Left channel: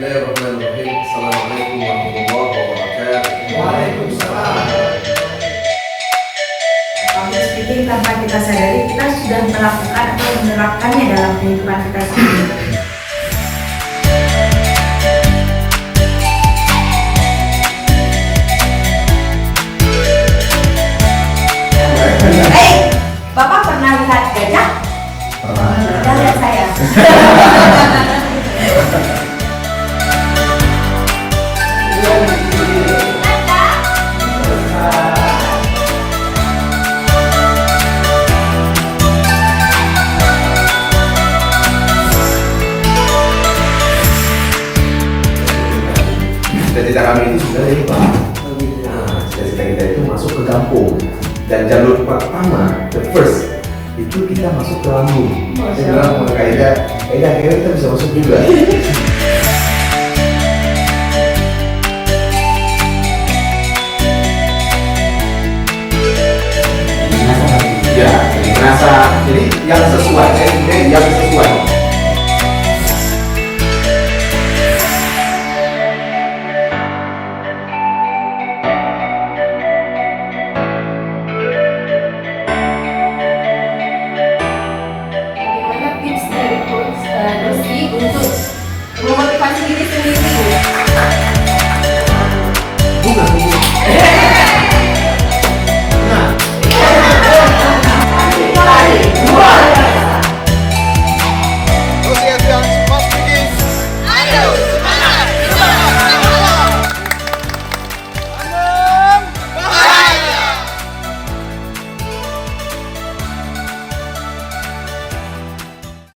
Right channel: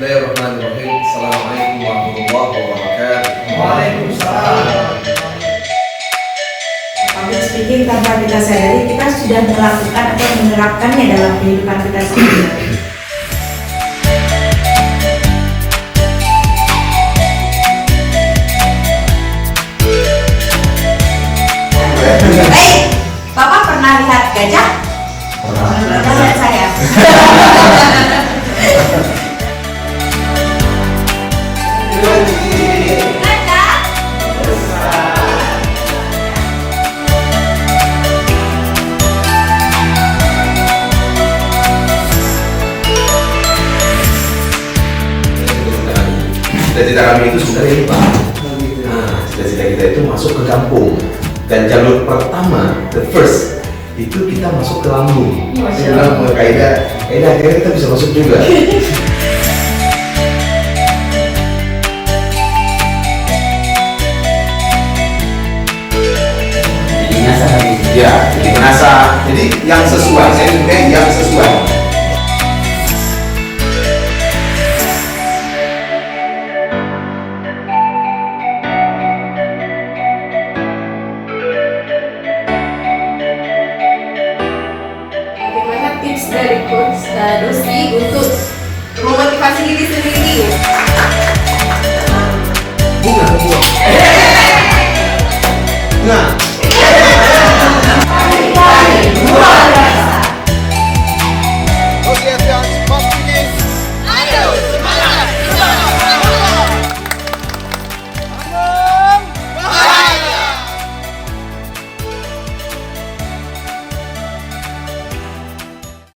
Bismillahirrahmanirrahim. Assalamualaikum warahmatullahi wabarakatuh. Waalaikumsalam. Public speaking tanpa kita sadari kita sudah melakukan atau menerapkannya dalam kehidupan kita sehari-hari. Bapak pernah lihat gajah? Pernah. Pernah lihat saya. Cita-cita kami itu sebenarnya ini Pak. Nah, cita-cita kita itu masuk ke kampung. Dan jalur pertama, the first, itu kita masuk ke Lambung. Saya bilang akhirnya kita bisa masuk juga. Ya, jadi ngerasa, jadi yang sesuai, saya juga yang sesuai. Bagaimana tips dari Coach Dosti untuk memotivasi diri sendiri? Bunga. Nah,